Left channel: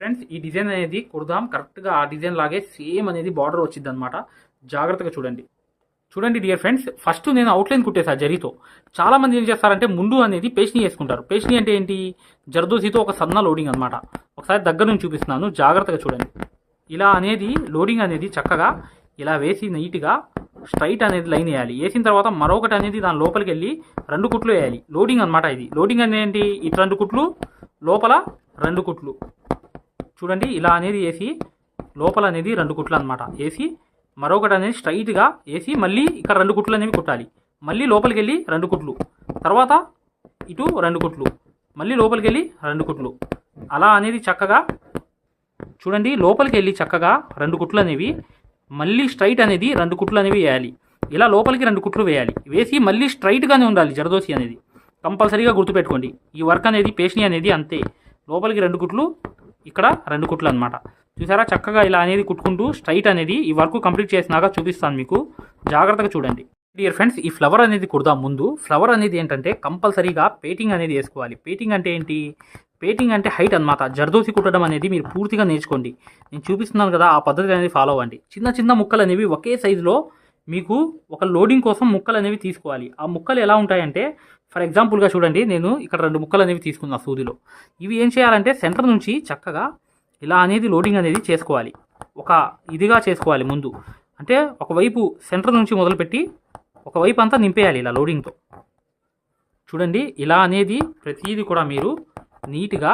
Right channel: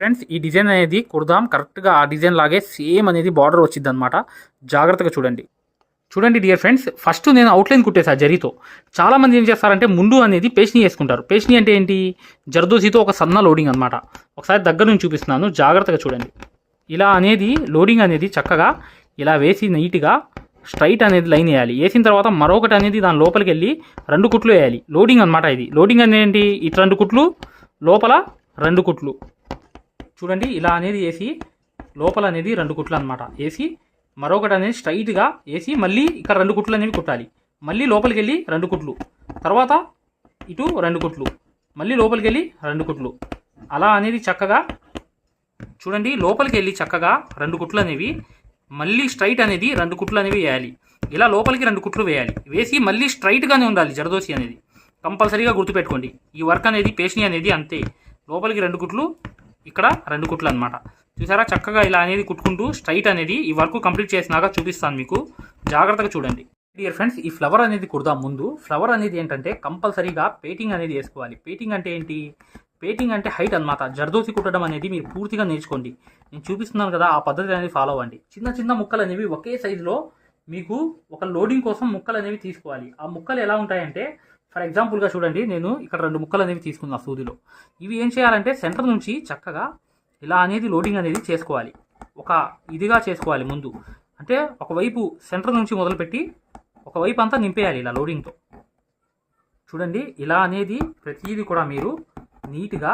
Friends ఈ design అనేది కుడదాం. కరెక్ట్గా ఆ డిజైన్ లాగే సేమ్ అనేది బార్డర్ వచ్చింది అనమాట జాగ్రత్తగా చూడండి. చూడండి డియర్ ఫ్రెండ్స్ ఫస్ట్ నేను అవుట్లైన్ కుట్టేసా జరీతో. చాలామంది ఏం చేస్తారంటే ముందు అనేది పేస్ని వేసుకుంటారు. పేస్ట్ని అంటే ఏంటి? జర్దోసితో ఒక సన్న లోడింగ్ అనమాట ఒకసారి దగ్గర నుంచి చూపిస్తున్నాను. జాగ్రత్తగా చూడండి. ఇలా అనేది లోడింగ్ అనేది చక్కగా ఇలా వేసి నీట్గా స్ట్రైట్ అనేది లైన్ వేయాలి. వేసిన తర్వాత మరొకటి అనేది దాని లోపలికి వెళ్ళి రెండు కుట్లు వేయాలి. లోడింగ్ అనమాట ఇది. లోడింగ్ అనేది ఏంటి? ఇటు రెండు కుట్లు లోపల రెండు కుట్లు. చూడండి ఇలా అనేది వేసి లోపల అనేది రెండు కుట్లు అనమాట వేసి మరొకటి అనేది స్ట్రైట్గా వేసి మళ్ళీ ఇక్కడ రెండు కుట్లు అనేవి కుట్టాలి. మళ్ళీ లోపలికి వెళ్ళి రెండు కుట్లు. తర్వాత ఇటు రెండు కుట్లు. మళ్ళీ లోపలికి వెళ్ళి రెండు కుట్లు. అలా అనేది చక్కగా చూడండి లోపలికి వెళ్ళి చక్కగా రెండు కుట్లు అనేవి మళ్ళీ స్ట్రైట్ అనేది రెండు కుట్లు అనేవి వేయాలి. ఇలా లోపలికి రెండు కుట్లు వేయాలి. వేసి మళ్ళీ స్ట్రైట్గానే ఉండాలి జరదోసి అనేది. కంపల్సరీగా గుర్తుపెట్టుకోండి. ఈ వర్క్ అనేది పేషని అనేది అంతే. లోపలికి రెండు కుట్లు ఇక్కడ రెండు కుట్లు అనమాట చూసారా? చక్కగా ఇలా అనేది కుట్టుకుంటూ స్ట్రైట్ అనేది ఈ వర్క్ కంప్లీట్ చేసినాక చూపిస్తాను మీకు. జాగ్రత్తగా చూడండి. డియర్ ఫ్రెండ్స్ ఈ ఫ్లవర్ అనేది కుడదాం ముందు. ఫ్లవర్ అనేది ఏంటంటే కంపల్సరీగా పేటింగ్ అనేది వేసుకోవాలి. పేటింగ్ అంటే ఏంటి? పేటింగ్ అంటే హైట్ అనమాట జర్దోసి కుట్టడం అనేది మీరు పూర్తిగా నేర్చుకోండి. నేను చూపిస్తున్నాను కదా ఆ పద్ధతి అనేది ఫాలో అవ్వండి. చిన్న చిన్న ముక్కలు అనేవి ఒకే సైజులో మీకు ఒక లోడింగ్ కోసం ముక్కలు అనేవి తీసుకోవాలి. ఆ ముక్కలు ఎలా ఉంటాయంటే ఫర్ ఎగ్జాంపుల్గా చూడండి నేను ఇక్కడ రెండు ముక్కలు అనేవి తీసుకున్నా సూదిలో. ఇవి ఏం చేయాలంటే సెంటర్ నుంచి చక్కగా ఇలా అనేది లోడింగ్ అనేది చేసుకోవాలి. ఒక ఇదిగా చేసుకోవాలి ముందు. అంటే ఒకవైపు సెంటర్ నుంచి మొదలుపెట్టి ఒకవైపు అంతా నింపేయాలి ఇలా లోడింగ్తో. చూడండి ఇలా అనేది ప్రతిదీ కూడా మీరు నీట్గా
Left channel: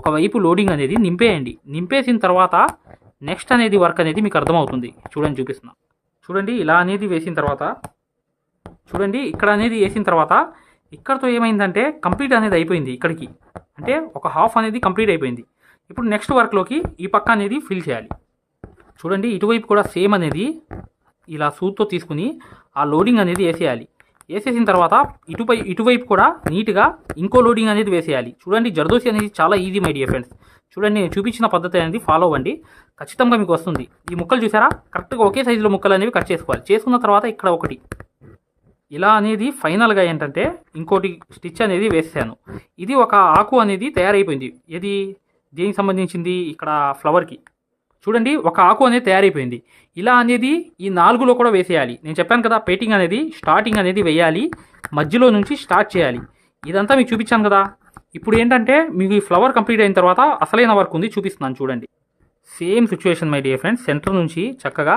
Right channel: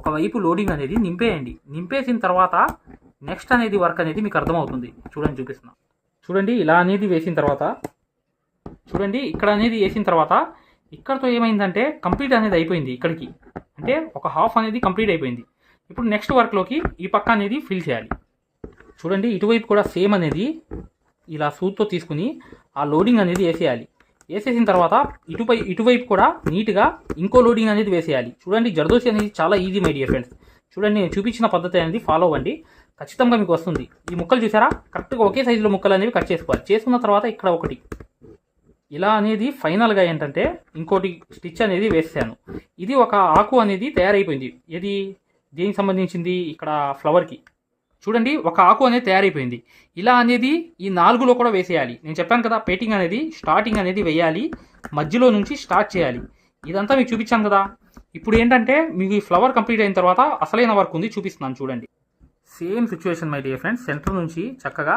ఒకవైపు లోడింగ్ అనేది నింపేయండి. నింపేసిన తర్వాత నెక్స్ట్ అనేది వర్క్ అనేది మీకు అర్థమవుతుంది. చూడండి చూపిస్తున్నా. చూడండి ఇలా అనేది వేసిన తర్వాత. చూడండి ఇక్కడ అనేది వేసిన తర్వాత ఇక్కడతో ఏమైందంటే కంప్లీట్ అనేది అయిపోయింది ఇక్కడికి. అంటే ఒక హాఫ్ అనేది కంప్లీట్ అయిపోయింది. ఇప్పుడు నెక్స్ట్ వర్క్లోకి ఈ పక్క అనేది ఫిల్ చేయాలి. చూడండి ఇటువైపు కూడా సేమ్ అనేది ఇలా సూత్తో తీసుకుని ఆ లోడింగ్ అనేది వేసేయాలి. వేసేసిన తర్వాత ఇటుపై ఇటువైపు కూడా నీట్గా ఇంకో లోడింగ్ అనేది వేసేయాలి. చూడండి జర్దోసి అనేది చాలా ఈజీ మై డియర్ ఫ్రెండ్స్ చూడండి నేను చూపించిన పద్ధతి అనేది ఫాలో అవ్వండి. ఖచ్చితంగా మీకు వస్తుంది. ఈ ముక్కలు చూసారా? కరెక్ట్గా ఒకే సైజులో ముక్కలు అనేవి కట్ చేసుకోవాలి. చేసుకున్న తర్వాత ఇక్కడ ఒకటి. ఇలా అనేది ఫైనల్గా ఏంటంటే ఇంకోటి స్టిచ్ అనేది వేసాను. ఇది ఒక ఆకు అనేది తయారైపోయింది. ఇది దేనికి సంబంధించింది? ఇక్కడ ఫ్లవర్కి. చూడండి ఒక ఆకు అనేది తయారైపోయింది. ఇలా అనేది ఈ నాలుగులో కూడా వేసేయాలి. నేను చెప్పాను కదా పెయింటింగ్ అనేది స్టార్టింగ్ అనేది వేయాలి. మధ్యలో నుంచి స్టార్ట్ చేయాలి. ఇదంతా మీకు చూపించాను కదా. ఇప్పుడు ఏంటంటే మీకు ఈ ఫ్లవర్ కంప్లీట్ అయిన తర్వాత అసలైన వర్క్ ఉంది చూపిస్తున్నాను చూడండి. Same situation my dear friends centre నుంచి చక్కగా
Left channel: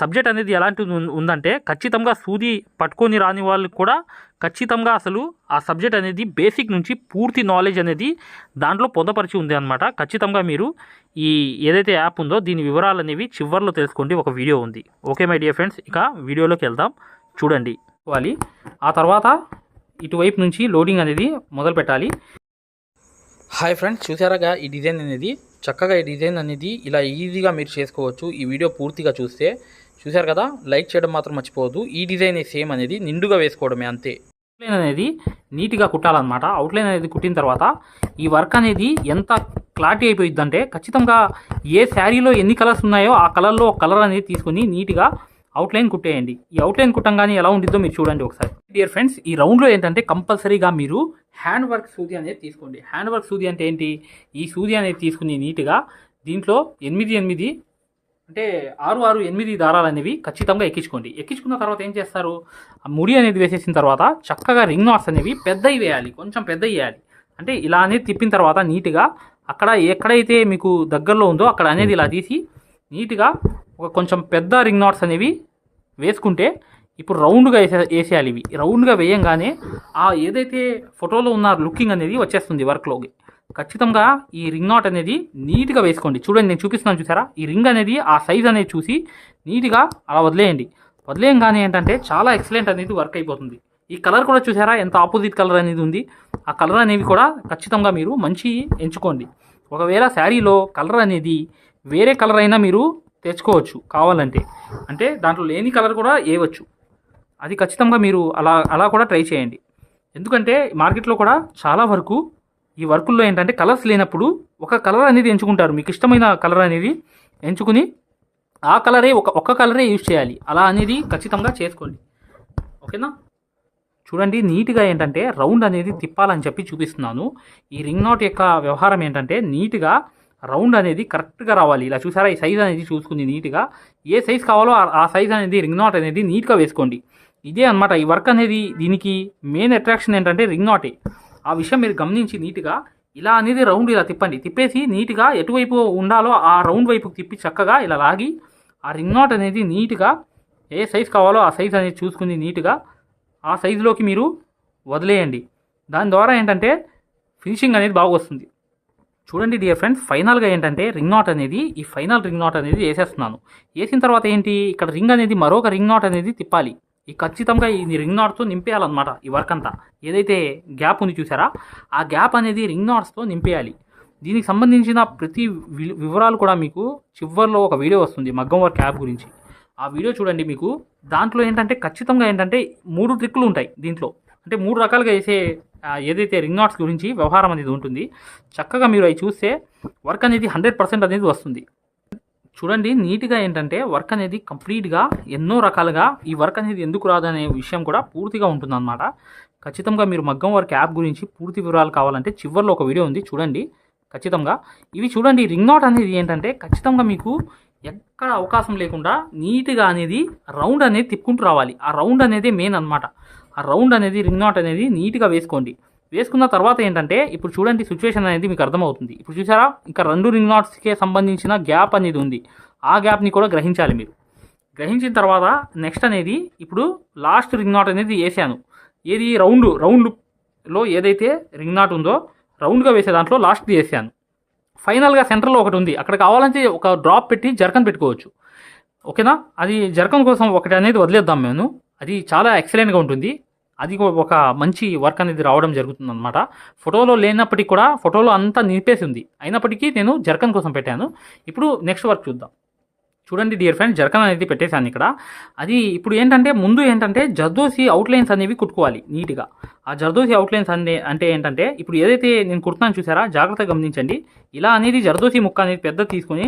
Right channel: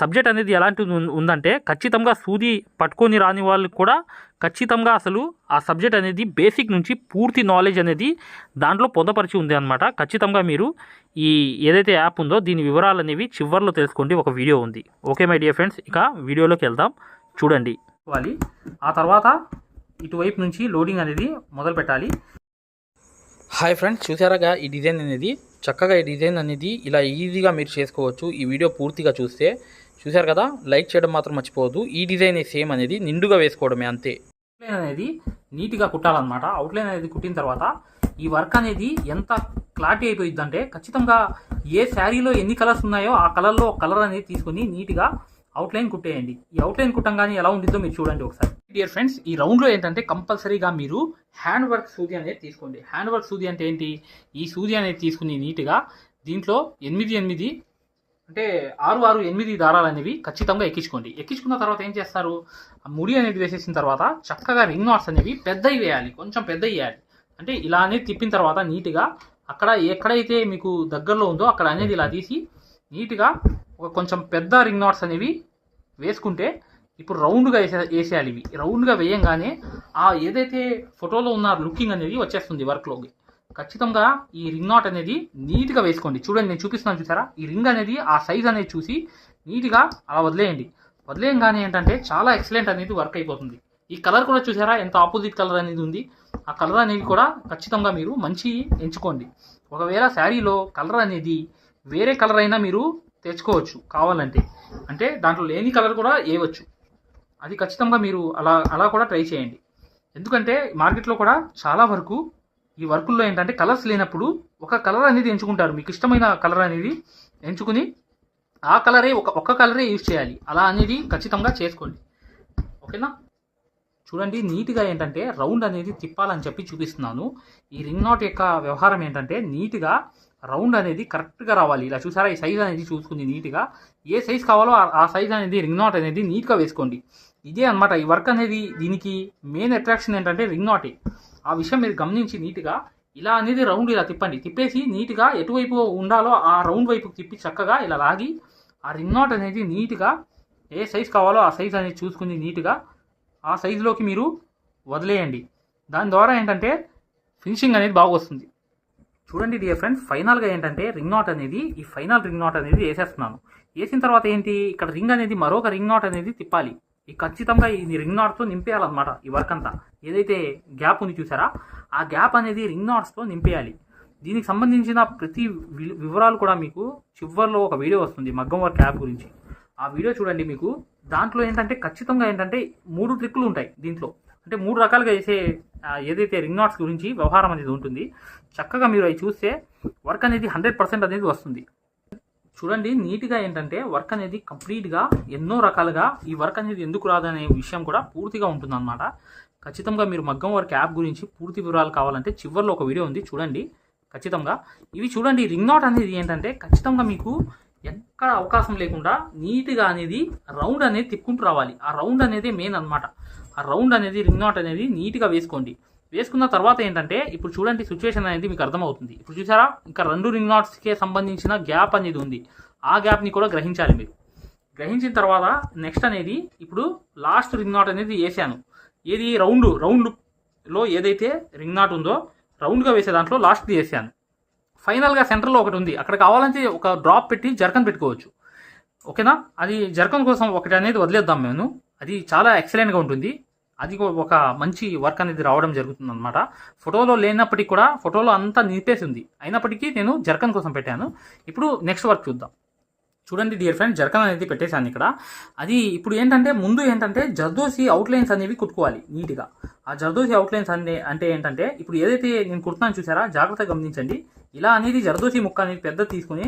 సబ్జెక్ట్ అనేది ఎలాంటిది ఉందంటే ఖచ్చితంగా సూది పట్టుకొని రాని వాళ్ళకి కూడా ఖచ్చితంగా అసలు ఆ సబ్జెక్ట్ అనేది బేసిక్ నుంచి పూర్తి నాలెడ్జ్ అనేది దాంట్లో పొందపరిచి ఉంది అనమాట ఖచ్చితంగా మీరు ఈ ఏదైతే యాప్ ఉందో దీని వివరాలు అనేవి చివర్లో తెలుసుకోండి. ఒక వీడియో ఉంది. Okay my dear friends. ఇక వీడియోలోకి వెళ్దాం. చూడండి. వాలి ఆ తర్వాత ఇటువైపు నుంచి లోడింగ్ అనేది మొదలు పెట్టాలి. Hi friends. చూసారాగా ఈ డిజైన్ అనేది? చక్కగా ఈ డిజైన్ అనేది ఇలా ఈజీగా మీరు చేసుకోవచ్చు. ఈ వీడియో పూర్తిగా చూస్తే చూసారు కదా? లైక్ చేయడం మాత్రం మర్చిపోవద్దు. ఈ డిజైన్ సేమ్ అనేది నిండుగా వేసుకోవడమే అంతే. అవుట్లైన్ అనేది నీట్గా కుట్టాలన్నమాట. అవుట్లైన్ అనేది కుట్టిన తర్వాత ఈ వర్క్ అనేది ఎంత క్లారిటీ అయిపోయిందంటే ఖచ్చితంగా ఏ శారీలో ఎన్ని కలర్స్ ఉన్నాయో ఆ కలర్లో కలర్ అనేది తీసుకుని నీట్గా అవుట్లైన్ కుట్టేయండి. ఈ అవుట్లైన్ కుట్టంగానే ఎలా ఉంటుందో మీరు చూడండి ఒకసారి. డియర్ ఫ్రెండ్స్ ఈ రౌండ్లో ఏంటంటే కంపల్సరీగా మీరు హ్యాండ్ వర్క్ సూది అనేది తీసుకోండి. హ్యాండ్ వర్క్ సూది అంటే ఏంటి? ఈ సూది అనేది తీసుకుని నీట్గా దీంట్లో ఎనిమిది ఎనిమిది అంటే ఆరు ఆరు ఎనిమిది దారాలు అనేవి ఖచ్చితంగా ఎక్కించుకోండి. ఎక్కించుకున్న తర్వాత ఏం చేస్తారు? ఆ ముడి అనేది వేసేసిన తర్వాత చక్కగా రింగ్ నాట్స్ అనేవి పెద్దవి వేయాలి. కొంచెం పెద్దవి వేయాలి. అంటే ఇలా అనేది తిప్పిన తర్వాత నీట్గా అక్కడ ఎక్కడైతే మీకు దగ్గరలో ఉందో అక్కడ అనేది ఇలా తీసి నీట్గా ఒక కొంచెం పెద్ద రింగ్ నాట్స్ అనేవి వేసుకుంటే ఇప్పుడు రౌండ్గా వేసే వేసేయాలి ఇవి. రౌండ్గా వేయంగానే ఆ ఏదైతే ఫోటోలో ఉన్న లుకింగ్ అనేది వచ్చేస్తుంది వర్క్లోకి. ఖచ్చితంగా ఈ రింగ్ నాట్ అనేది నీట్గా వేసుకోండి. చూడండి నేను చూపిస్తున్నాను చూసారా? ఈ రింగ్ అనేది ఆ సైజ్ అనేది చూసి నీట్గా అలా వదిలేయండి. వదిలేయంగానే ఏంటంటే చాలా ఎక్సలెంట్ అనేది వర్క్ అయిపోతుంది. ఈ కలర్ కూడా చూసారా? ఎంత ఆపోజిట్ కలర్ అనేది ఉంది. ఆ కలర్ అనేవి కూడా ఖచ్చితంగా మీరు మంచి ఎంచుకోండి. ఒకవేళ శారీలో కలర్ అనేది వేరే కలర్ అయినా మీరు తెచ్చుకోవచ్చు కావాలంటే. అంటే దాంట్లో లేని కలర్ కూడా వేయవచ్చు. అది ఖచ్చితంగా మీరు అలా అలా కూడా ట్రై చేయండి. ఎందుకంటే మార్కెట్లో కూడా చాలా వరకు ఈ వర్కుల్లో ఏంటంటే కలర్స్ లేనప్పుడు ఒక కలర్ అనేది ఎంచుకుంటారు. మీకు ఇష్టమైన కలర్ అనేది ఎంచుకుని ఆ కలరే ఒక ఒక్క కలరే యూజ్ చేయాలి. అలా అనేది ఖచ్చితంగా చేసుకోండి. ఓకేనా? చూడండి నీట్గా ఏంటంటే రౌండ్ అనేది తిప్పాలని చెప్పి చూపిస్తున్నాను. ఈ రింగ్ నాట్ యొక్క వ్యవహారం ఏంటంటే నీట్గా రౌండ్ అనేది కరెక్ట్గా రావాలి. ఇలా చూసారా? ఈ సైజ్ అనేది చూసుకుంది నీట్గా. ఏ సైజ్ కావాలో ఆ- ఆ సైజ్ అనేది రింగ్ నాట్ అనేది నీట్గా వేసుకోండి. ఇదే అన్నమాట. ఈ వర్క్ అనేది దీనికి మెయిన్ అట్రాక్షన్ ఏంటంటే రింగ్ నాటే. ఆ విషయం మీరు గమనించి నీట్గా ఇలా అనేది రౌండ్ ఇలా తిప్పండి. తిప్పేసి నీట్గా ఎటువైపు ఉండాలో ఆ రౌండ్ వైపుకి తిప్పి చక్కగా ఇలా లాగి ఆ రింగ్ నాట్ అనేది నీట్గా ఏ సైజ్ కావాలో ఆ సైజ్ అనేది చూసుకుని నీట్గా ఆ సైజులోకి మీరు వదిలేయండి. దాని ద్వారా ఏంటంటే ఫినిషింగ్ అనేది బాగా వస్తుంది. చూడండి డియర్ ఫ్రెండ్స్ ఫైనల్గా ఏంటంటే రింగ్ నాట్ అనేది ఈ ఫైనల్ రింగ్ నాట్ అనేది వేసేస్తున్నాను. వేసిన తర్వాత ఏంటి? ఇక్కడ రింగ్ అనేది మరొక రింగ్ నాట్ అనేది తిప్పాలి. ఈ ఖచ్చితంగా ఈ రింగ్ నాట్స్తో నింపేయాలన్నమాట ఈ వర్క్ అంతా. ఏదైతే గ్యాప్ ఉంది చూసారా? ఆ గ్యాప్ అనేది రింగ్ నాట్స్తో నింపేయాలి. దీనికి సంబంధించిన ప్రతి వి- వివరాలు కూడా మీకు చివరిలో ఒక వీడియో వస్తుంది మగ్గం వర్క్ యాప్ గురించి. ఆ వీడియో చూడండి మీకు. దాంట్లో ఏంటంటే ఖచ్చితంగా ఏంటంటే మూడు ట్రిక్కులు ఉంటాయి దీంట్లో. అంటే మూడు రకాలుగా చేసే ఏదైతే రింగ్ నాట్స్ గురించి వ్యవహారం అనేది ఉంటుంది చక్కగా మీరు అవి చూస్తే వర్క్ అనేది హండ్రెడ్ పర్సెంట్ అనేది వస్తుంది. చూడండి నీట్గా ఏంటంటే వర్క్ అనేది కంప్లీట్గా ఎన్నో రకాలుగా ఈ వర్క్ అనేది ఎందుకు రాదనే విషయం కూడా పూర్తిగా ఉంటుందన్నమాట. ఖచ్చితంగా మీరు మగ్గం వర్క్ యాప్ గురించి పూర్తి వివరాలు కావాలంటే చివరిలో ఒక వీడియో ఉంది చూడండి. ఖచ్చితంగా. ఇవి చూడండి రింగ్ నాట్ అనేది ఏంటంటే ఖచ్చితంగా మీకు ఎక్కడ అవకాశం లేకుండా నీట్గా అనేది రౌండ్ అనేది తిప్పుకుంటూ రావాలి. ఆ రౌండ్ అనేది మెయిన్ అన్నమాట. ఆ రౌండ్ అనేది రింగ్ నాట్ అనేది నీట్గా వేసుకోండి. వేసుకున్న తర్వాత ఏంటంటే ఇప్పుడు చూడండి సిచ్యువేషన్ అనేది మీకు అర్థమవుతుంది. ఇప్పుడు చూసారా? ఇంకా రెండు రింగ్ నాట్స్కే సంబంధించిన గ్యాప్ అనేది ఉంది. ఆ గ్యాప్ని కూడా గ్రహించాలి మీరు. గ్రహించిన తర్వాత నెక్స్ట్ అనేది ఇప్పుడు లాస్ట్ రింగ్ నాట్ అనేది వేసాను. ఏది? రౌండ్ రౌండ్లో ఏదైతే రింగ్ నాట్ ఉందో రౌండ్గా వేసే దాంట్లో లాస్ట్ది వేసాను. ఫైనల్గా సెంటర్లో ఒకటి ఉంది. అక్కడ కావాలంటే ఒక డ్రాప్ పెట్టి జర్కన్ పెట్టుకోవచ్చు. ఓకేనా అది జర్కన్ కోసం ఒకటి అనేది వదిలేద్దాం మేము. అది చాలా ఎక్సలెంట్గా ఉంటుంది. అది ఒక మంచి వర్క్ అనేది రావడం జరుగుతుంది అనమాట ఫోటోలో లేనప్పటికీ కూడా ఫోటోలో అంతా నింపేసి ఉంది అయినప్పటికీ నేను జర్కన్ కోసం పెట్టాను. ఇప్పుడు నెక్స్ట్ వర్క్ చూద్దాం. చూడండి డియర్ ఫ్రెండ్ జర్కన్ అనేది పెట్టేశాను ఇక్కడ. అది ఇప్పుడు ఏంటంటే ముందు ఏంటంటే జర్దోసి అవుట్లైన్స్ అనేవి కుట్టుకోవాలి నీట్గా. ఆ జర్దోసి అవుట్లైన్స్ అనే అంటే ఏంటంటే ఇప్పుడు ఏదైతే నేను కుడుతున్నాను చూసారా? జాగ్రత్తగా గమనించండి. ఇలా అనేది జర్దోసి ముక్క అనేది పెద్ద తీసుకొని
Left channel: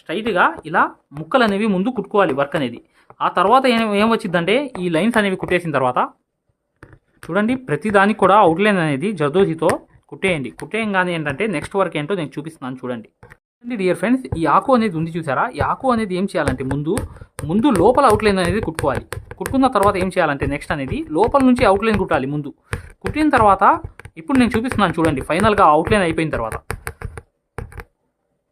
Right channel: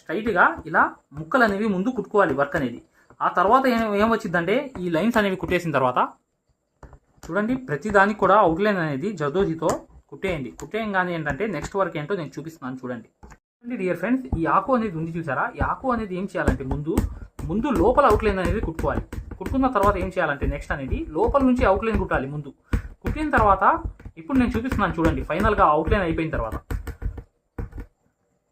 స్ట్రైట్గా ఇలా ముక్కలు అనేవి ముందు కుట్టుకోవాలి వర్క్ అనేది. ఆ తర్వాత ఏం ఏం వచ్చిందంటే ఈ లైన్స్ అనేవి కుట్టేసిన తర్వాత చూడండి ప్రతిదానికి కూడా అవుట్లైన్ అనేది జర్దోసితో కుట్టేయండి. కుట్టేయంగానే ఏంటంటే నెక్స్ట్ వర్క్ ఏంటో నేను చూపిస్తున్నాను చూడండి. చూడండి డియర్ ఫ్రెండ్స్ ఈ ఆకు అనేది ఉంది చూసారా? ఈ ఆకు అనేది ఏం చేయాలంటే ముందు ముందు లోపల అవుట్లైన్ అనేది కుట్టుకోవాలి. కుట్టుకున్న తర్వాత ఏం చేయాలంటే నెక్స్ట్ అనేది లోపల నుంచి అవుట్లైన్ కుట్టాలి ముందు. కుట్టిన తర్వాత ఇప్పుడు నేను చూపిస్తున్నాను చూడండి ఫైనల్గా అవుట్లైన్ అయిపోయిన తర్వాత.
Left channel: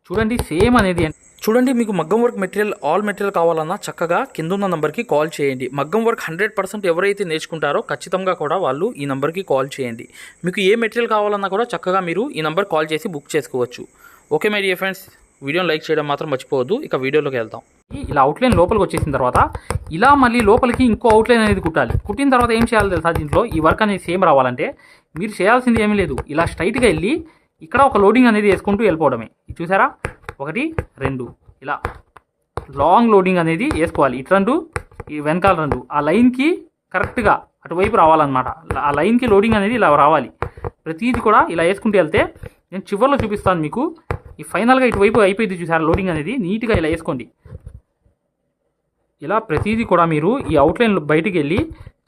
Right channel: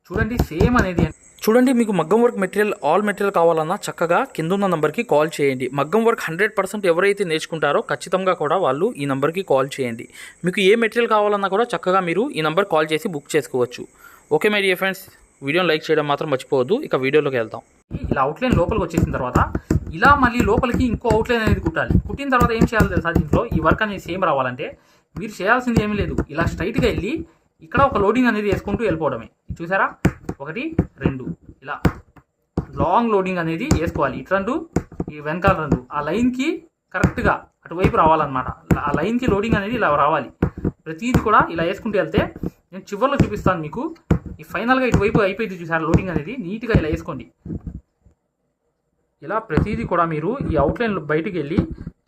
చూడండి సేమ్ అనేది. చూడండి మీకు మగ్గం వర్క్ మెటీరియల్ ఆల్ మెటీరియల్ కావాలన్నా చక్కగా కింద ఉన్న నంబర్కి కాల్ చేయండి. మగ్గం వర్క్ హండ్రెడ్ పర్సెంట్ ఎవరైతే నేర్చుకుంటారో ఖచ్చితంగా కూడా వాళ్ళు ఈ నెంబర్కి కాల్ చేయండి. మీకు ఏ మెటీరియల్ కావాలన్నా కూడా చక్కగా మీరు ఈ నెంబర్ కాల్ చేసి బుక్ చేసుకోవచ్చు. ఓకే మై డియర్ ఫ్రెండ్స్ వీడియోని లైక్ చేయడం మాత్రం మర్చిపోవద్దు. ఇక వీడియోలోకి వెళ్దాం. ఇలా అవుట్లైన్ లోపలికి వచ్చేసిన తర్వాత ఇలా మళ్ళీ లోపలికి ఇంకో అవుట్లైన్ అనేది కుట్టాలి. కుట్టిన తర్వాత ఏం చేయాలి తెలుసా దీంట్లో? ఈ వర్క్ అనేది సేమ్ రావాలంటే మీరు చేయాల్సింది ఏమీ లేదు. ఇలా స్ట్రైట్గా వెళ్ళి ఇక్కడ ఒక లోడింగ్ అనేది వేసుకుంటూ వెళ్ళిపోవడమే. చూసారా? ఒకటి రెండు. ఇలా లాంగ్ లోడింగ్ అనేది వేసుకోవాలి. ఇటు రెండు ఈ వెనకాల రెండు. ఆ లైన్కి కరెక్ట్గా అటువైపు రావాలన్నమాట. ఆ లైన్కి లోడింగ్ అనేది ఇలా రావాలి. ప్రతిదీ కూడా ఇలా వేసుకుంటూ వెళ్తే నేను చివరిలో చూపిస్తాను మీకు. ఈ ఫైనల్గా ఇటువైపు అయిపోయింది చూసారా లోడింగ్ అనేది? నీట్గా ఇలా వేసుకోండి. ఇలా ప్రతిదీ కూడా మీరు ఈ అవుట్లైన్ బయటికి వెళ్ళి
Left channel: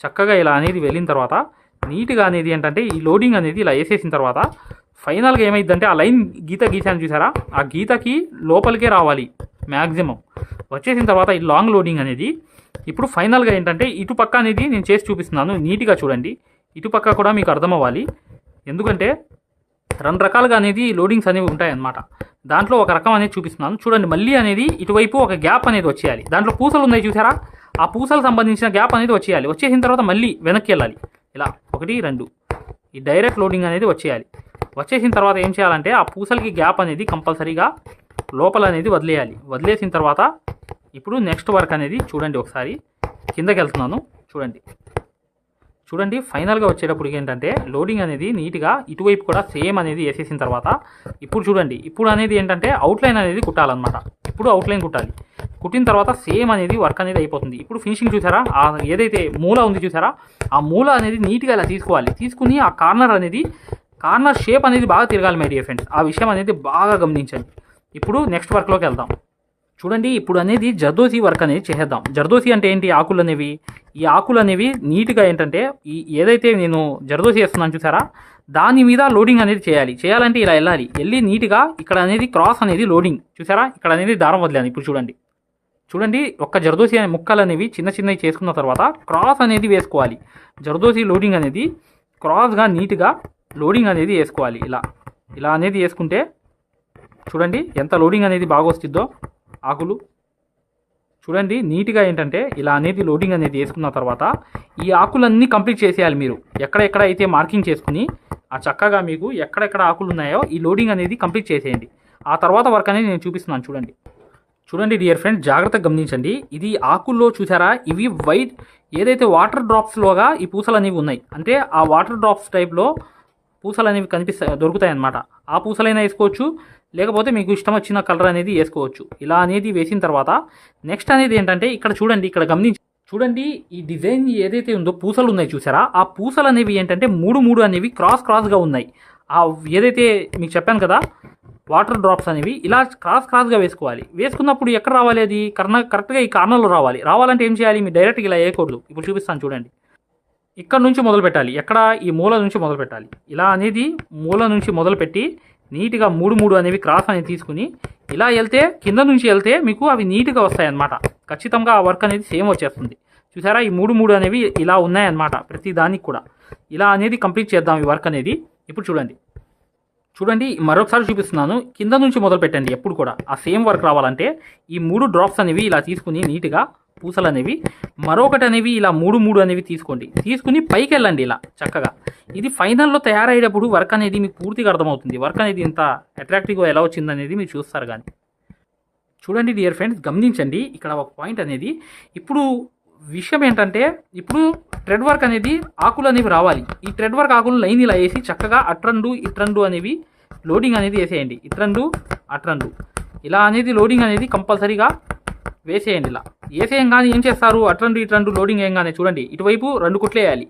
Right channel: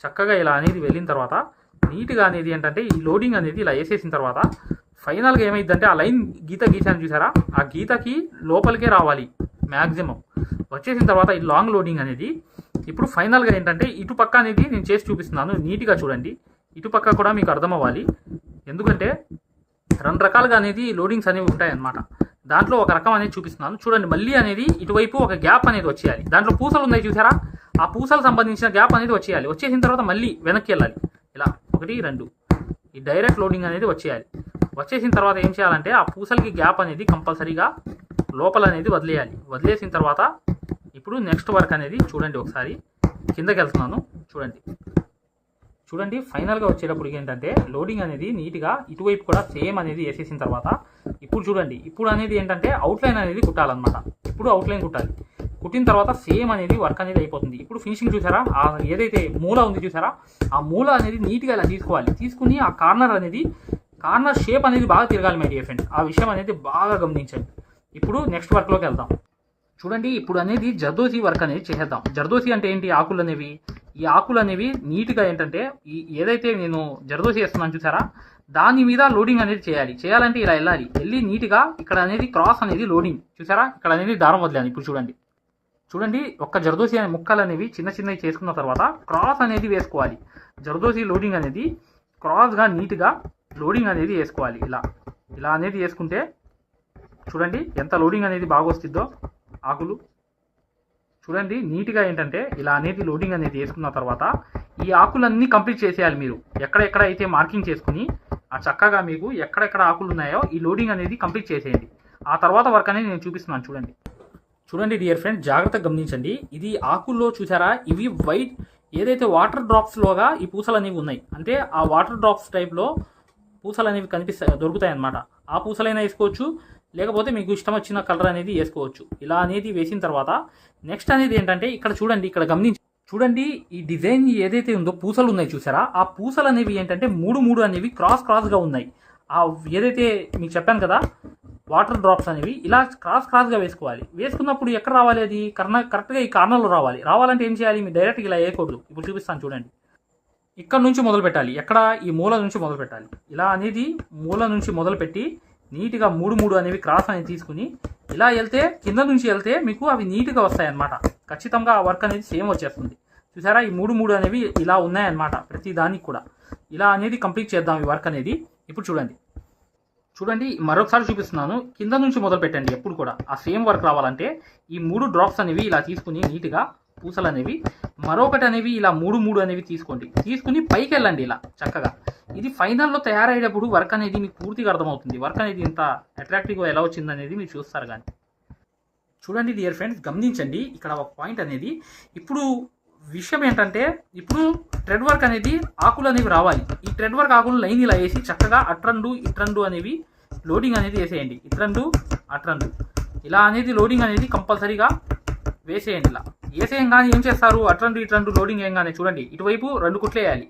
చక్కగా ఇలా అనేది వెళ్ళిన తర్వాత నీట్గా అనేది ఏంటంటే ఈ లోడింగ్ అనేది ఇలా వేసేసిన తర్వాత ఫైనల్గా ఏమైందంటే ఆ లైన్ గీత గీసాను చూసారా? ఆ గీతకి లోపలికే రావాలి మ్యాక్సిమం వచ్చేసిన తర్వాత ఈ లాంగ్ లోడింగ్ అనేది ఇప్పుడు ఫైనల్గా ఏంటంటే ఇటుపక్క అనేది నేను చేసి చూపిస్తున్నాను నీట్గా చూడండి. ఇటుపక్క కూడా మీకు అర్థం అవ్వాలి ఎందుకంటే రెండు రకాలుగా అనేది లోడింగ్స్ అనేవి ఉంటాయన్నమాట. దాంట్లో ఒక రకం అనేది చూపిస్తున్నాను. చూడండి మళ్ళీ అనేది ఇటువైపు ఒక గ్యాప్ అనేది వచ్చేయాలి. దాంట్లో పూసలు ఉన్నాయి చూసారా? ఆ పూసలు సంబంధించిన గ్యాప్ అనేది వచ్చేయాలి. వచ్చేసిన తర్వాత మళ్ళీ వెనక్కి వెళ్ళాలి. ఇలా ఒకటి రెండు. ఈ డైరెక్ట్ లోడింగ్ అనేది వచ్చేయాలి. వచ్చేసిన తర్వాత ఏం చేయాలంటే ఆ పూసలకి గ్యాప్ అనేది కంపల్సరీగా లోపల అనేది వదిలేయాలి. వదిలేసిన తర్వాత ఇప్పుడు నెక్స్ట్ వర్క్ అనేది చూడండి ఒకసారి. కిందకి వెళ్తున్నాను. చూడండి. చూడండి ఫైనల్గా వచ్చేటప్పుడు ఏంటంటే లోడింగ్ అనేది నీట్గా ఇటువైపు కూడా సేమ్ అనేది వేసేసిన తర్వాత ఇప్పుడు చూడండి. ఇప్పుడు అనేది ఏంటంటే అవుట్లైన్ అనేది కుట్టాలన్నమాట. ఇప్పుడు అవుట్లైన్ కుట్టాలి. కుట్టిన తర్వాత సేమ్ అనేది వర్క్ అనేది అయిపోతుంది. ఇప్పుడు ఫినిషింగ్ చూసారా? ఆ ఏదైతే మూల ఉంది చూసారా? ఆ మూల అనేది నీట్గా ఇలా తీసుకోవాలి. తీసుకుని ఆ కార్నర్ అనేది కార్నర్ షేప్ అనేది బాగా తిరగాలి మై డియర్ ఫ్రెండ్స్ ఆ విషయం అనేది బాగా గమనించండి. ఇప్పుడు నెక్స్ట్ వర్క్లోకి వెళ్దాం. చూడండి ఇప్పుడు అనేది జర్దోసి వర్క్ అనేది చేసేద్దాం. జర్దోసి అంటే ఏంటి? ఆకులు అనేవి. ఈ ఆకులు అనేవి నీట్గా ఏంటంటే ఈ ఏదైతే నేను జర్దోసి వేస్తున్నాను చూసారా? దాని మీద లోడింగ్ అనేది చేయాలి. చేయాలంటే ఇలా వెళ్ళాలి. వెళ్ళి నీట్గా ఇక్కడ అనేది క్రాస్ అనేది లోడింగ్. చూసారా? ఇక్కడ అనేది దారం వదిలాను ఇప్పుడు చూడండి. చూడండి ఒక్క జర్దోసి అనే ముక్కలు అనేవి చిన్న చిన్నవి చేసుకున్న తర్వాత క్రాస్ అనేది వేసుకోవాలి. జర్దోసి లోడింగ్ అనేది క్రాస్గా నీట్గా లోడింగ్ అనేది వేసుకోవాలి. ఇలా ఇలా అనేది వేసుకుంటే చూడండి ఎంత లోడింగ్ అనేది బాగా వస్తుందో ఆకులు. చూడండి నీట్గా ఏంటంటే ఇలా అనేది లోడింగ్ అనేది వేసుకున్న తర్వాత ఈ ఆకులన్నీ కంప్లీట్ చేసేయాలి మీరు. ఎక్కడెక్కడ అయితే మార్కింగ్ చేసుకుని ఆ చక్కగా మీకు ఎక్కడెక్కడ ఆకులు ఉన్నాయో ఈ లోడింగ్ అనేది కంప్లీట్ చేసేయండి. ఆ తర్వాత వర్క్ అనేది నేను చూపిస్తున్నాను చూడండి. చూడండి డియర్ ఫ్రెండ్ జాగ్రత్తగా గమనించండి. ఇది ఆకుల్లో చూసారా? ఇవి వైట్ ఏదైతే వాటర్ డ్రాప్స్లోగా ఈ పూసలు అనేవి ఉన్నాయి. అంటే ఆ వాటర్ డ్రాప్స్ టైప్లో పూసలు అనేవి కనిపిస్తాయి దొరుకుతాయి అన్నమాట ఆ పూసలైనా వేసుకోవచ్చు లేకపోతే మీకు ఇష్టం వచ్చిన కలర్ అనేది వేసుకోవచ్చు. ఇలా అనేది వేసిన తర్వాత నెక్స్ట్ అనేది ఏంటంటే ఇక్కడ చూడండి ఇక్కడ గమనించి చూడండి ఈ డిజైన్ ఏదైతే ఉందో పూసలు ఉన్నాయి చూసారా? ఆ పూసలు అనేవి ఏంటంటే మూడు మూడు అనేవి క్రాస్ క్రాస్గా ఉన్నాయి. ఆ ఏదైతే మీకు చెప్పాను కదా వాటర్ డ్రాప్స్ అనేవి ఇలా క్రాస్ క్రాస్గా వేసుకోవాలి. వేసుకున్నప్పుడు ఎక్కడ రావాలి అది? కర్ణ కరెక్ట్గా ఈ కార్నర్లో రావాలి. రావాలంటే ఏం చేయాలి? మీరు డైరెక్ట్గా ఇలా వేయకూడదు. ఇప్పుడు చూపిస్తాను చూడండి. ఇక్కడ నుంచి మొదలు పెట్టాలి. ఎక్కడ? ఈ మూల నుంచి మొదలు పెట్టాలి. ఇలా అనేది మూల నుంచి మొదలుపెట్టి నీట్గా మూడు మూడు అనేవి క్రాస్ అనేది తీసుకుని ఇలా వెళ్తే కింద నుంచి వెళ్తే మీకు అవి నీట్గా వస్తాయి అన్నమాట ఖచ్చితంగా ఆ వర్క్ అనేది సేమ్ వచ్చేస్తుంది. చూసారా? ఈ మూడు మూడు అనేవి ఇలా ఉన్నాయన్నమాట ప్రతి దానికి కూడా. ఇలా అనేది కంప్లీట్ చేద్దాం ఈ వర్క్ అనేది. ఇప్పుడు చూడండి. చూడండి మరొకసారి చూపిస్తున్నాను. కింద నుంచి మొదలు పెట్టండి ఎప్పుడు కూడా. ఆ సేమ్ వర్క్ రావాలంటే ఈ మూడు డ్రాప్స్ అనేవి ఇలా తీసుకుని నీట్గా పూసలు అనేవి మరొకటి అనేవి ఇలా మూడు మూడు అనేవి తీసుకోండి. తీసుకుని పైకి వెళ్ళండి ఇలా చక్కగా. ఇది ఫైనల్లో తయారయ్యేటప్పుడు వర్క్ అనేది మీకు పూర్తిగా అర్థమవుతుంది. వర్క్ అనేది ఇంత అట్రాక్టివ్గా ఎలా వచ్చింది అనేది మీరు చూస్తారు కానీ. చూడండి డియర్ ఫ్రెండ్స్ గమనించండి. ఇక్కడ ఒక పాయింట్ అనేది ఇప్పుడు విషయం ఏంటంటే ఇప్పుడు ట్రెడ్ వర్క్ అనేది ఆకులు అనేవి రావాలి. ఈ ట్రెడ్ వర్క్ ఆకులు లైన్ ఇలా వేసి చక్కగా అట్రండు ఇట్రండు అనేవి లోడింగ్ అనేది వేసేయండి. ఇట్రండు అట్రండు. ఇలా అనేది లోడింగ్ అనేది కంపల్సరీగా వేసేయండి ఇలా. వేసేయంగానే ఏం చేస్తారు? అట్రండు ఇట్రండు లోడింగ్ ఏం కానీ చూడండి. ఇటువైపు రెండు కుట్లు వేయాలి.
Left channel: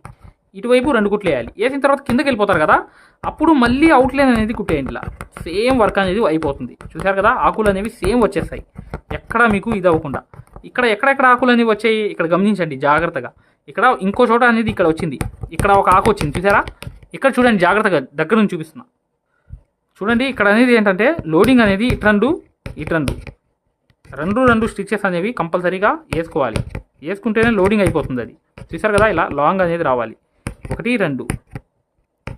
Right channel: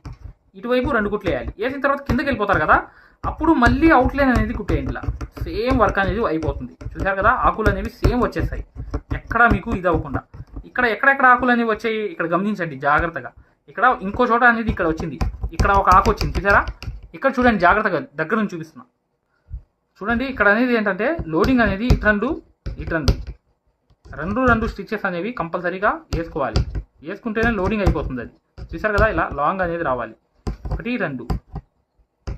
ఇటువైపు రెండు కుట్లు వేయాలి. వేసిన తర్వాత కిందకి వెళ్ళిపోతారు కదా? అప్పుడు మళ్ళీ అవుట్లైన్ అనేది కుట్టేయండి సేమ్ వర్క్ అనేది అయిపోతుంది. చూసారు కదా? ఆకులు అనేవి సేమ్ వచ్చేస్తాయి. ఎక్కడ మీకు ఇది అవ్వకుండా. ఇక్కడ ఎక్కడెక్కడ ఆకులు అనేవి వచ్చాయి? ఇక్కడ గమనించండి జాగ్రత్తగా. ఇక్కడ ఇంకో చోట అనేది ఇక్కడ వచ్చింది. ఇక్కడ ఒక ఆకు వచ్చింది. చూసారా ఇక్కడ చూడండి జాగ్రత్తగా దగ్గర నుంచి చూపిస్తున్నా. చూడండి ఇక్కడ అనేది ఏంటంటే లోడింగ్ అనేది ఇటు రెండు ఇటు రెండు. రెండు రెండు స్టిచ్చెస్ అనేవి కంపల్సరీగా వేసుకోవాలి. వేసుకుంటేనే లోడింగ్ అయిపోతుంది అది. చూసారు కదా ఇలా లాంగ్ అనేది రావాలి. ఒకటి రెండు.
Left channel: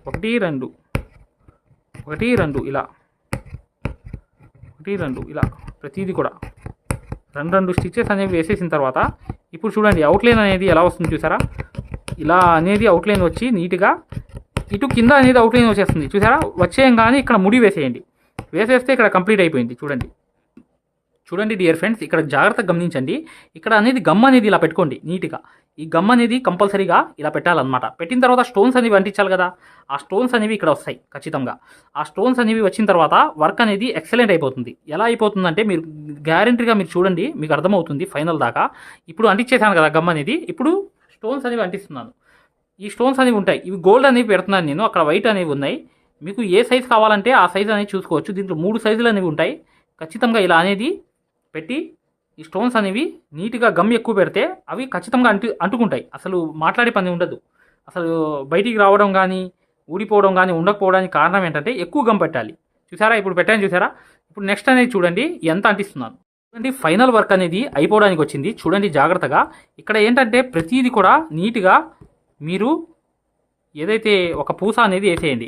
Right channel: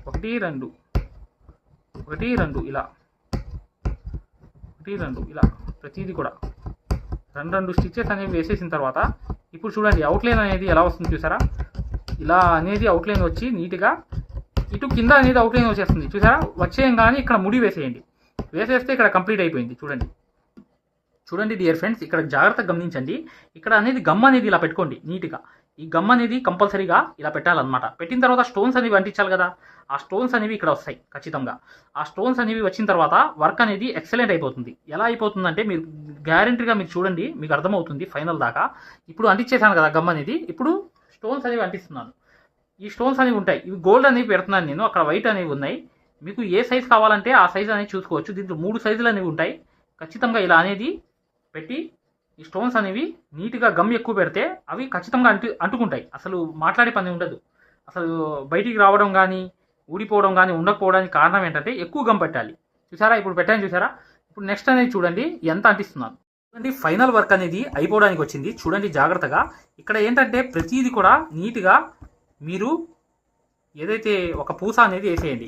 ఒకటి రెండు. ఒకటి రెండు ఇలా. ఒకటి రెండు ఇలా. ప్రతిదీ కూడా. రెండు రెండు స్టిచ్చెస్ అనేవి వేసేసిన తర్వాత ఇప్పుడు చూడండి అవుట్లైన్ అనేది ఎలా వస్తుంది చూసారా ఇలా అనేది అవుట్లైన్ వచ్చి నీట్గా ఇటు కింద అనేది అవుట్లైన్ వచ్చేస్తుంది. చూసారా వచ్చేయంగానే ఇక్కడ ముడి వేసేయండి. వేసేస్తే ఇక్కడ కంప్లీట్ అయిపోయింది. చూడండి. చూడండి డియర్ ఫ్రెండ్స్ ఇక్కడ జాగ్రత్తగా గమనించండి. ఇక్కడ అనేది గమ్ అనేది ఇలా పెట్టుకోండి నీట్గా. ఈ గమ్ అనేది కంపల్సరీగా ఇలా పెట్టాలన్నమాట. పెట్టిన తర్వాత స్టోన్స్ అనేవి అంటించాలి కదా. ఆ స్టోన్స్ అనేవి ఇక్కడ వస్తాయి ఖచ్చితంగా. ఆ స్టోన్స్ అనేవి వచ్చిన తర్వాత వర్క్ అనేది ఎక్సలెంట్ అయిపోతుంది. ఎలా అయిపోతుందంటే మీరు గ్యారంటీగా మీరు చూడండి మీకు అర్థమవుతుంది ఫైనల్ దాకా. ఇప్పుడు అంటించేసాను కదా గమ్ అనేది ఇప్పుడు స్టోన్స్ అనేవి అంటిస్తున్నాను. ఈ స్టోన్స్ అనేవి ఉంటాయి ఇవి గోల్డ్ అనేవి పెడుతున్నాను నేను అక్కడ వైట్ అనేవి ఉన్నాయి. మీకు ఏ సైజు కావాలంటే ఆ సైజు అనేది చూసుకోవచ్చు. దీంట్లో మూడు సైజులు అనేవి ఉంటాయి. ఖచ్చితంగా ఇలా అనేది పెట్టి ఈ స్టోన్స్ అనేవి నీట్గా గమ్ ఎక్కువ పెడితే అవి ఖచ్చితంగా అంటు అంటుకుంటాయి. అసలు మాట్లాడే పని ఉండదు. అసలు బయటికి రావడం కానీ ఊడిపోవడం కానీ ఉండకపోవడానికి కారణం ఏంటంటే ఎక్కువ గమ్ పెట్టాలి. చూసారా? ఇప్పుడు పెట్టాను చూసారా? ఇప్పుడు నెక్స్ట్ అనేది చూడండి ఎంత అంటిస్తున్నాను. చూడండి ఫైనల్ వర్క్ అనేది అయిపోవడానికి వచ్చింది. చూడండి జాగ్రత్తగా. ఇక్కడ ఏంటంటే ప్రతిదీ కూడా నీట్గా మీరు ఏదైతే ఒక పూస అనేది వేసేయండి.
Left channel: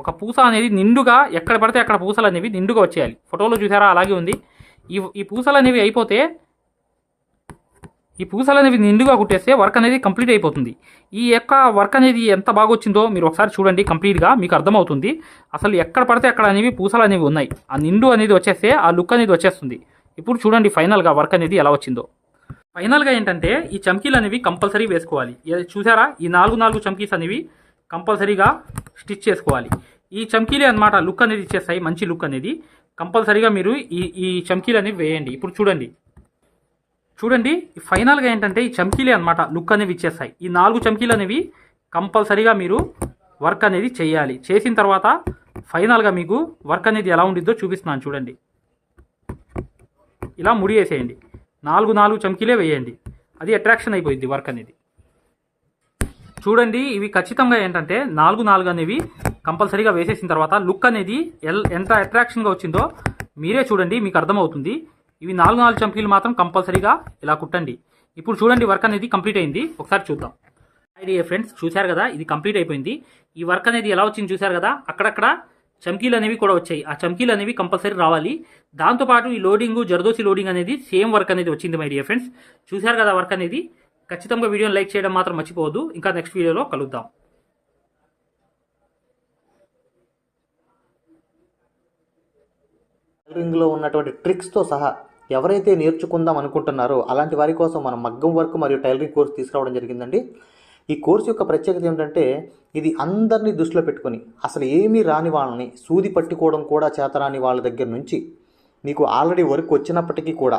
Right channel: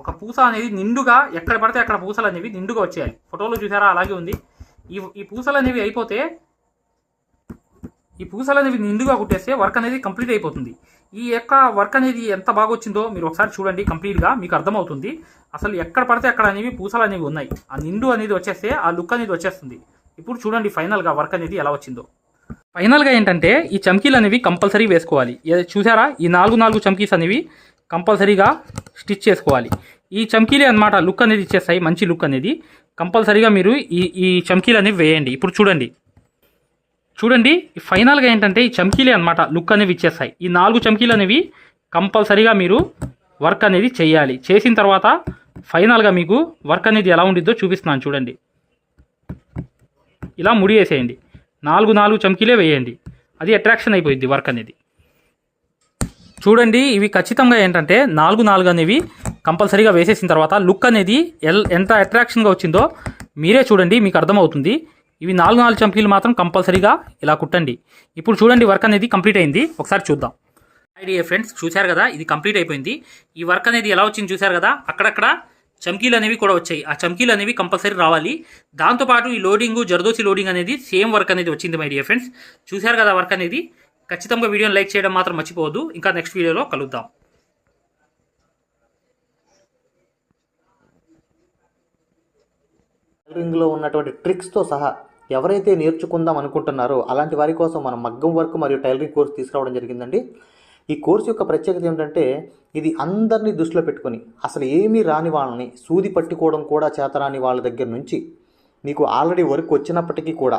ఒక పూస అనేది నిండుగా ఎక్కడ పడితే అక్కడ పూసలు అనేవి నిండుగా వచ్చేయాలి. ఫోటోలో చూసారా? అలాగే ఉంది. ఈ ఈ పూసలు అనేవి అయిపోతే ఈ పూసలు అనేవి నిండుగా కుట్టేస్తే వర్క్ అనేది కంప్లీట్ అయిపోతుంది. ఈ యొక్క వర్క్ అనేది ఎంత బాగా వచ్చిందో మీరు ఒకసారి చూడండి కంప్లీట్గా మీకు అర్థమవుతుంది. అసలు ఎక్కడ పడితే అక్కడ అనేవి పూసలు అనేవి ఉన్నాయి. ఆ నిండు అనేది వచ్చేస్తే ఆ లుక్ అనేది వచ్చేస్తుంది. ఇప్పుడు చూడండి ఫైనల్గా వర్క్ అనేది ఎలా వచ్చిందో. ఫైనల్గా ఏంటంటే ఈ చమ్కీలు అనేవి కంపల్సరీ వేసుకోవాలి. చూసారా? ఈ నాలుగు నాలుగు చమ్కీస్ అనేవి కంపల్సరీగా స్టిచ్ చేసుకోవాలి. ఈ చమ్కీలే అన్నమాట లుక్ అనేది ఇచ్చేస్తాయి మంచి లుక్ అనేది. కంపల్సరీగా మీరు ఈ ఈ చమ్కీలు అనేవి వేయండి. ఇప్పుడు చూడండి. చూడండి ఫైనల్గా ఏంటంటే ఈ చమ్కీలే అన్నమాట లుక్ అనేవి ఇచ్చేస్తాయి. ఈ నాలుగు చమ్కీలు అనేవి కంపల్సరీగా మీరు వర్క్ అనేది చేయాలి. చేసిన తర్వాత ఫైనల్గా మీకు వర్క్ అనేది ఎలా ఉండిద్దో చూపిస్తున్నాను చూడండి. ఇలా ముడి వేసేయండి నాలుగు నాలుగు చమ్కీలే వేయండి. అది అట్రాక్షన్ అయిపోయింది వర్క్ అనేది. చూడండి ఇవి ఖచ్చితంగా ఏంటంటే నాలుగు నాలుగు అనేవి కంపల్సరీగా వేసేసిన తర్వాత లుక్ అనేది ఎల్ ఎంత అట్రాక్షన్గా వచ్చిందో మీరే చూడండి మీకు అర్థమవుతుంది. ఇవి నాలుగు నాలుగు చంకీలు మాత్రం కంపల్సరీగా ఇలా కుట్టండి. ఇప్పుడు చూడండి వర్క్ అనేది కంప్లీట్ అయింది. ఒకసారి చూద్దాం. ఐడియా ఫ్రెండ్స్ చూశారు కదా ఇది కంప్లీట్ అయిపోయింది. ఈ వర్క్ అనేది ఎలా వచ్చింది చూశారు కదా అక్కడక్కడ చమ్కీలు అనేవి కూడా వచ్చాయి. ఆ చమ్కీలు అనేవి కంపల్సరీ రావాలి. దాంతోపాటు ఈ లోడింగ్ జరదోసి లోడింగ్ అనేది సేమ్ వర్క్ అనేది వచ్చింది మై డియర్ ఫ్రెండ్స్ చూశారు కదా వర్క్ అనేది? ఖచ్చితంగా వీడియోని లైక్ చేయడం మాత్రం మర్చిపోవద్దు. ఇంకా నెక్స్ట్ వీడియోలో కలుద్దాం. టైలరింగ్లో ఉన్నటువంటి ట్రిక్స్తో సహా ఎవరైతే నేర్చుకుందాం అనుకుంటున్నారో అలాంటి వారి కోసం మనం మగ్గం వర్క్ మరియు టైలరింగ్ కోర్స్ తీసుకురావడం జరిగిందండి. ఈ కోర్సు యొక్క ప్రత్యేకత ఏమిటంటే ఇది అందరినీ దృష్టిలో పెట్టుకొని అసలు ఏమీ రాని వాళ్ళని సూది పట్టుకోవడం కూడా చేతరాని వాళ్ళ దగ్గర నుంచి మీకు ఆల్రెడీ వర్క్ వచ్చినప్పటికీ కూడా